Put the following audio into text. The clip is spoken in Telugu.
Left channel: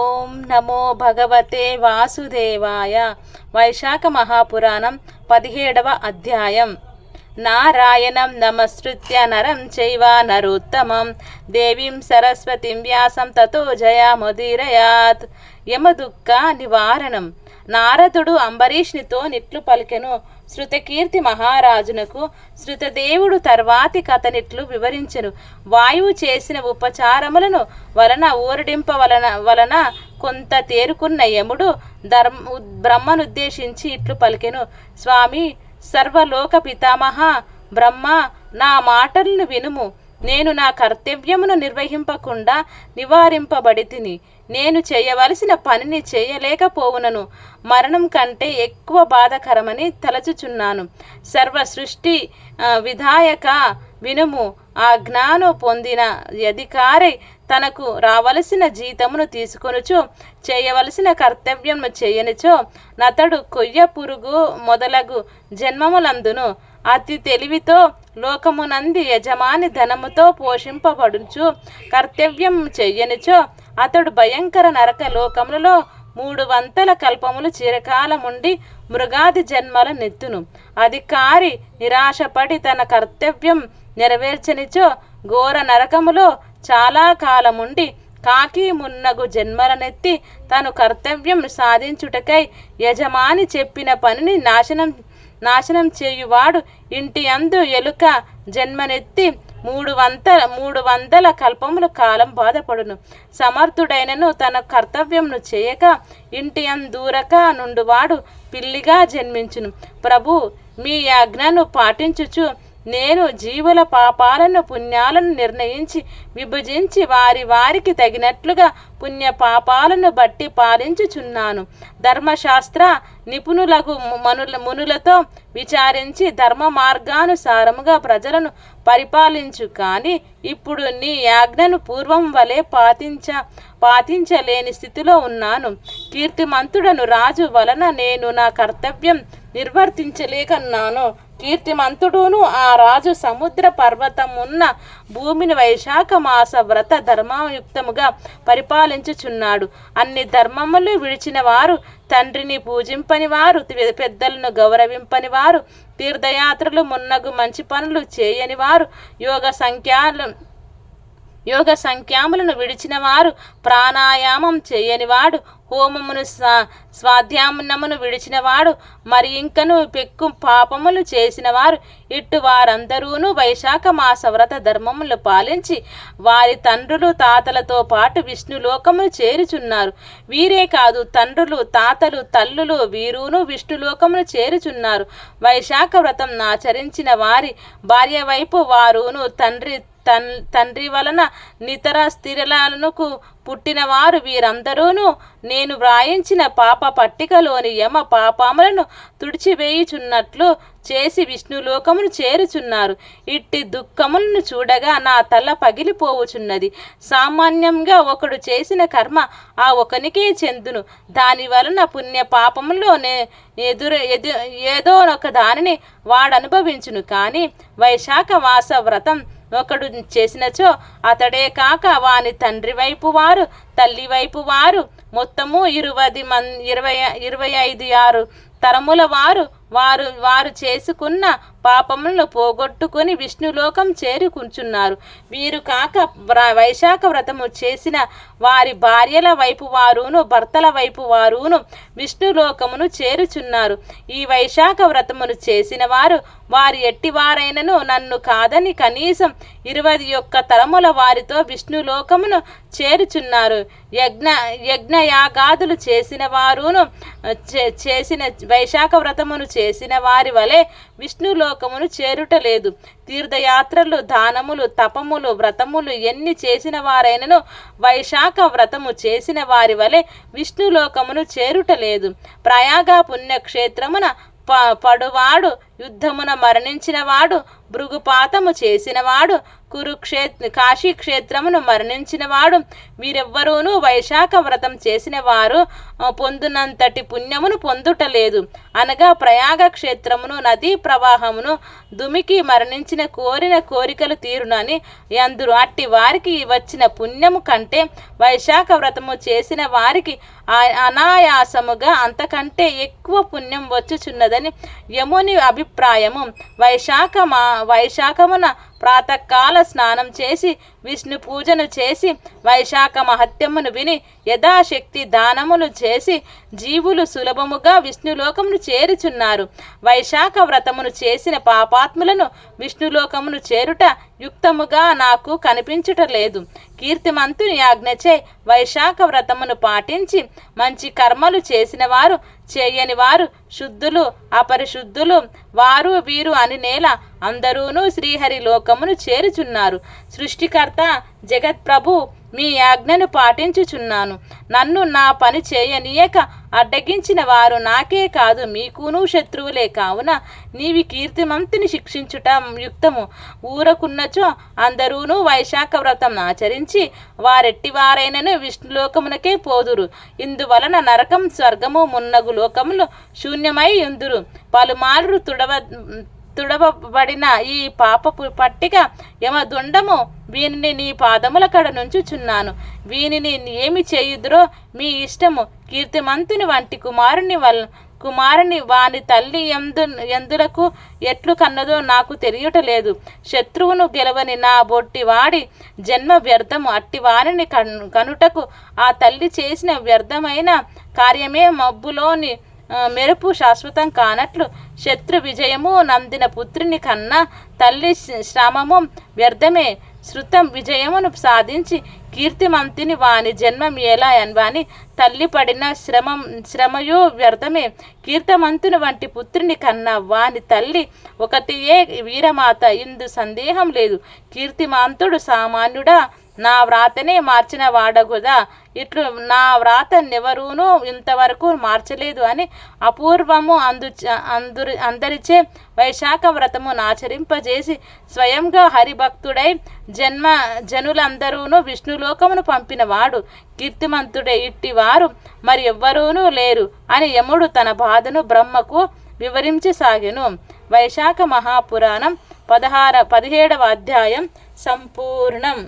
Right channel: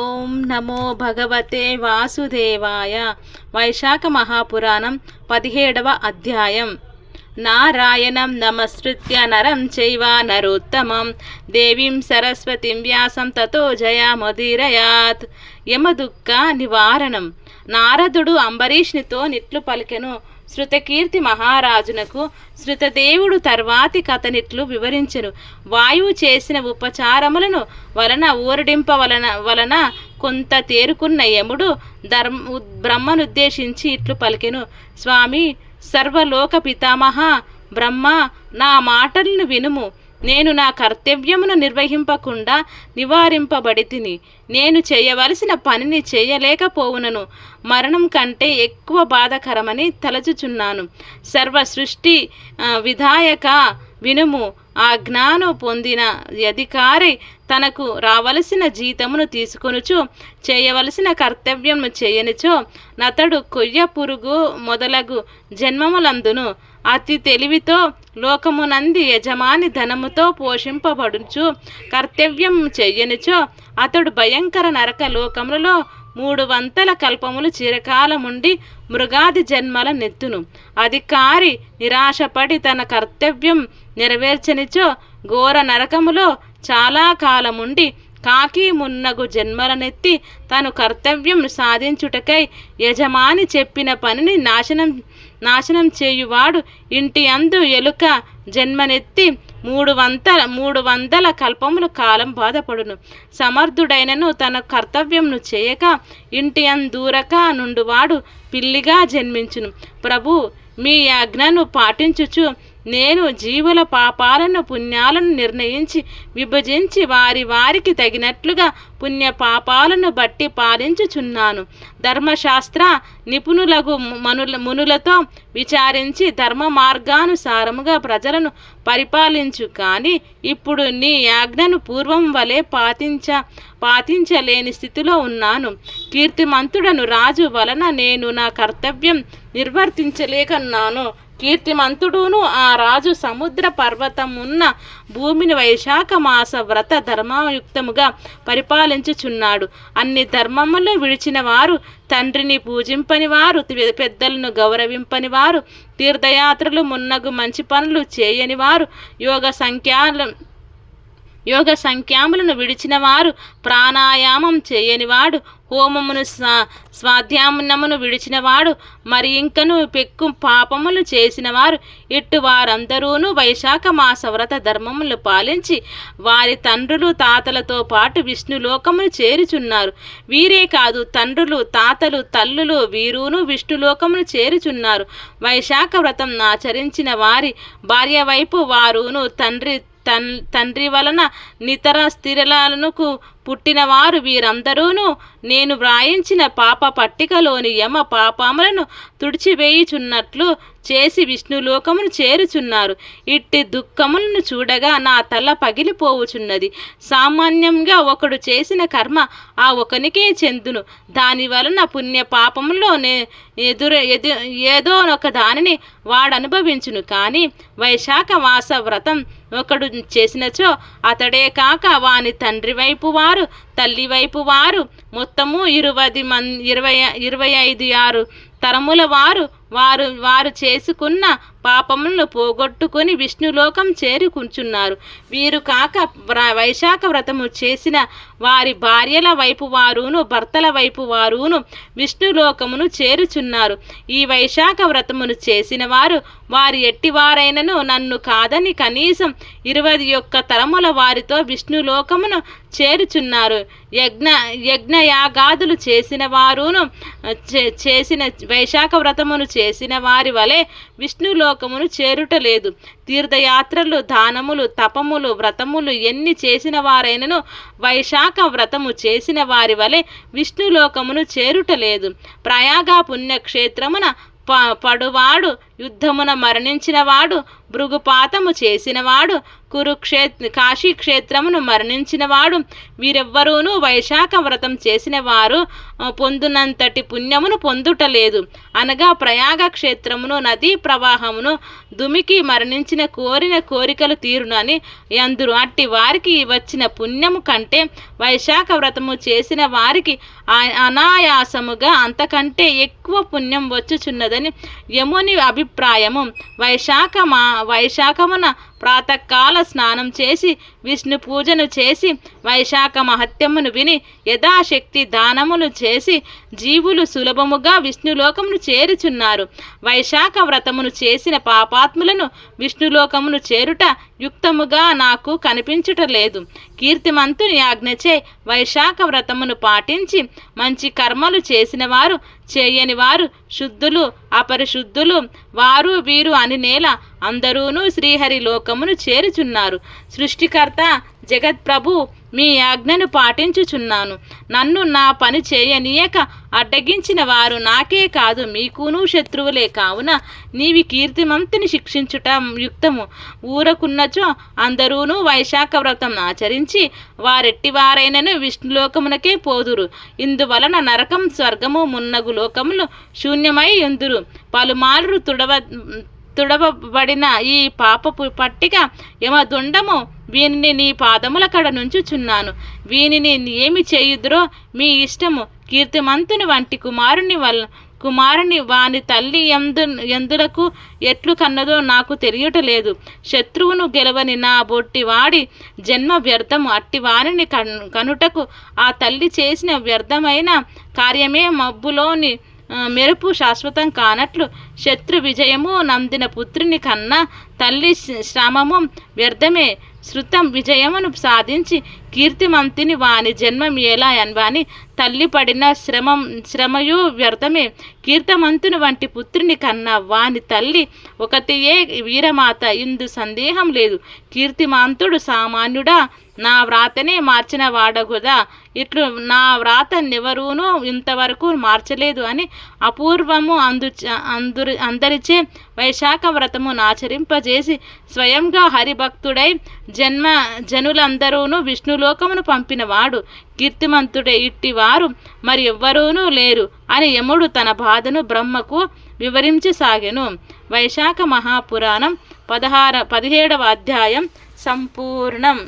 ఓం నమో భగవతే వాసుదేవాయ. వైశాఖ మహాపురాణం 17వ అధ్యాయం. నారాయణం నమస్కృత్య నరం చైవ నరోత్తమం దేవీం సరస్వతిం వ్యాసం తతో జయముదీరయాత్. యమదుఃఖ నివారణం. నారదుడు అంబరీష్నితో నిట్లు పలికెను. శృతకీర్తి మహారాజునకు శృతదేవుడు తర్వాతి కథనిట్లు వివరించెను. వాయువు చేసిన ఉపచారములను వలన ఊరడింప వలన కొంత తేరుకున్న యముడు బ్రహ్మనుద్దేశించి ఇట్లు పలికెను. స్వామి, సర్వలోక పితామహ బ్రహ్మ, నా మాటలను వినుము. నేను నా కర్తవ్యమును నిర్వహింపకుండా నివారింపబడితిని. నేను చేయవలసిన పనిని చేయలేకపోవునను. మరణం కంటే ఎక్కువ బాధకరమని తలచుచున్నాను. సర్వ సృష్టి విధాయక వినుము. ఆ జ్ఞాను పొందిన అధికారి తనకు రావలసిన జీతమును తీసుకొనుచు చేయవలసిన కర్తవ్యమును చేయనిచో నతడు కొయ్య పురుగు మొదలగు జన్మములందును అతి తెలివితో లోకమునంది యజమాని ధనముతో పోషింపబడుచు కర్తవ్యం చెయ్యనిచో అతడు భయంకర నరక లోకములలో 300 కల్పములు చిరకాలముండి మృగాది జన్మల నెత్తును. అధికారి నిరాశపడి తన కర్తవ్యం నెరవేర్చనిచో ఘోర నరకములో చాలా కాలముండి కాకి మున్నగు జన్మలనెత్తి తను కర్తవ్యం సాధించుటకై యజమాని చెప్పిన పనిని నాశనం చేయువాడు ఇంటి అందు ఎలుక జన్మనెత్తి 300 కల్పముల కాలం బాధపడును. సమర్థుడైనను తన కర్తవ్యంను చేయక ఇంటి అందూరక నుండువాడు పిల్లిగా జన్మించును. ప్రభు, మీ ఆజ్ఞను పాటించుచు నేను జీవుల పాపాలను పుణ్యాలను నిర్ణయించి విభజించి వారికి తగినట్లుగా పుణ్య పాపాలను బట్టి పాలించుచున్నాను. ధర్మశాస్త్ర నిపుణులగు మునులతో విచారించి ధర్మ మార్గానుసారముగా ప్రజలను పరిపాలించు. కానీ ఇప్పుడు నీ ఆజ్ఞను పూర్వం వలె పాటించలేని స్థితిలో ఉన్నాను. కీర్తిమంతుడను రాజు వలన నేను నా కర్తవ్యం నిర్వర్తించలేకన్నాను. కీర్తిమంతుడును ఆ రాజు సముద్ర పర్వతమున్న భూమిని వైశాఖ మాస వ్రత ధర్మయుక్తముగా పరిపాలించుచున్నాడు. అన్ని ధర్మములు విడిచిన వారు, తండ్రిని పూజింపని వారు, పెద్దలను గౌరవింపని వారు, తీర్థయాత్రలు మున్నగు మంచి పనులు చేయని వారు, యోగ సంఖ్యాములను విడిచిన వారు, ప్రాణాయామం చేయనివాడు, హోమమును స్వాధ్యానమును విడిచినవాడు, మరి ఇంకను పెక్కు పాపములు చేసినవారు, ఇట్టు వారందరూను వైశాఖ మాస వ్రత ధర్మములు పాలించి వారి తండ్రులు తాతలతో పాటు విష్ణులోకమును చేరుచున్నారు. వీరే కాదు, తండ్రులు తాతలు తల్లులు వీరును విష్ణులోకమును చేరుచున్నారు. వైశాఖ వ్రతం ఆచరించిన వారి భార్య వైపు వారును తండ్రి వలన నితర స్థిరలకు పుట్టినవారు వీరందరూను నేను వ్రాయించిన పాప పట్టికలోని యమ పాపములను తుడిచివేయుచున్నట్లు చేసి విష్ణులోకమును చేరుచున్నారు. ఇట్టి దుఃఖములను చూడగా నా తల పగిలిపోవుచున్నది. సామాన్యంగా ఒకడు చేసిన కర్మ ఆ ఒకనికే చెందును. దాని వలన పుణ్య పాపములోనే ఏదో ఒక దానిని వాడు అనుభవించును. కానీ వైశాఖ మాస వ్రతం ఒకడు చేసినచో అతడే కాక వాని తండ్రి వైపు వారు తల్లి వైపు వారు మొత్తము 25 తరముల వారు చేసుకున్న పాపములను పోగొట్టుకొని విష్ణులోకం చేరుకుంటున్నారు. వీరు కాక వైశాఖ వ్రతము చేసిన వారి భార్యల వైపు వారును భర్తల వైపు వారును విష్ణులోకమును చేరుచున్నారు. ఈ వైశాఖ వ్రతమును చేసిన వారు ఎట్టివారైనను నన్ను కాదని కనీసం 21 తరముల వారితో విష్ణులోకమును చేరుచున్నారు. యజ్ఞయాగాదులు చేసిన వారును చేసిన వైశాఖ వ్రతమును చేసిన వారి వలె విష్ణులోకమును చేరుటలేదు. తీర్థయాత్రలు, దానములు, తపములు, వ్రతములు ఎన్ని చేసిన వారైనను వైశాఖ వ్రతము చేసిన వారి వలె విష్ణులోకమును చేరుటలేదు. ప్రయాగ పుణ్యక్షేత్రమున పడువాడు యుద్ధమున మరణించినవాడు, భృగుపాతము చేసినవాడు, కాశీ క్షేత్రమును మరణించినవాడు, వీరెవ్వరూనూ వైశాఖ వ్రతం చేసిన వారు పొందునంతటి పుణ్యమును పొందుటలేదు. అనగా ప్రయాగ క్షేత్రమును నదీ ప్రవాహమును దుమికి మరణించిన కోరిన కోరికలు తీరునని అందురు. అట్టి వారికి వచ్చిన పుణ్యము కంటే వైశాఖ వ్రతము చేసిన వారికి అనాయాసముగా అంతకంటే ఎక్కువ పుణ్యం వచ్చుచున్నదని యముని అభిప్రాయము. వైశాఖమున ప్రాతకాల స్నానం చేసి విష్ణు పూజను చేసి వైశాఖ మహత్యమును విని యథాశక్తి దానములు చేసి జీవులు సులభముగా విష్ణులోకమును చేరుచున్నారు. వైశాఖ వ్రతమును చేసిన పాపాత్ములను విష్ణులోకమును చేరుట యుక్తముగా నాకు కనిపించుటలేదు. కీర్తిమంతుని ఆజ్ఞచే వైశాఖ వ్రతమును పాటించి మంచి కర్మలు చేసిన వారు, చేయని వారు, శుద్ధులు అపరిశుద్ధులు, వారు వీరు అని నేల అందరూనూ శ్రీహరి లోకమును చేరుచున్నారు. సృష్టికర్త జగత్ప్రభు మీ ఆజ్ఞను పాటించుచున్నాను. నన్ను నా పని చేయనీయక అడ్డగించిన వారు నాకే కాదు మీకునూ శత్రువులే. కావున నీవి కీర్తిమంతుని శిక్షించుట యుక్తము. ఊరకున్నచో అందరూనూ వైశాఖ వ్రతం ఆచరించి వారెట్టివారైనను విష్ణులోకమునకే పోదురు. ఇందువలన నరకం, స్వర్గము మున్నగు లోకములు శూన్యమై ఎందురు. పలుమార్లు తుడవబడిన ఈ పాపపు పట్టిక యమదుండము వీనిని నీ పాదముల కడ నుంచుచున్నాను. వీనిని ఏమి చేయుదురో మీ ఇష్టము. కీర్తిమంతుని వంటి కుమారుని వాని తల్లి ఎందులకు ఎట్లు కన్నదో నాకు తెలియటలేదు. శత్రువును గెలవని నా బొట్టి వాడి జన్మ వ్యర్థము. అట్టి వారిని కనుటకు ఆ తల్లి చేసిన వ్యర్థమైన కార్యమే మబ్బులోని మెరుపు శాశ్వతం కానట్లు శత్రు విజయము నందిన పుత్రుని కన్నా తల్లి శ్రమము వ్యర్థమే. శృతం విజయమును సాధించి కీర్తిమంతుని వాని జన్మమేలా వాని తల్లి పడిన శ్రమయు వ్యర్థమే. కీర్తిమంతుని వంటి పుత్రుని కన్నా వాని తల్లి ఒకటియే వీరమాత. ఇందు సందేహం లేదు. కీర్తిమంతుడు సామాన్యుడా, నా వ్రాతనే మార్చిన వాడగుదా. ఇట్లు నా వ్రాత నెవరూనూ ఇంతవరకు మార్చలేదు అని అపూర్వము అందరిచే వైశాఖ వ్రతము ఆచరింపజేసి స్వయంగా హరిభక్తుడై జనులందరూనూ విష్ణులోకమును పంపినవాడు కీర్తిమంతుడే. ఇట్టివారు మరి ఎవ్వరూనూ లేరు అని యముడు తన బాధను బ్రహ్మకు వివరించసాగెను. వైశాఖ మహాపురాణం 17వ అధ్యాయం సంపూర్ణం.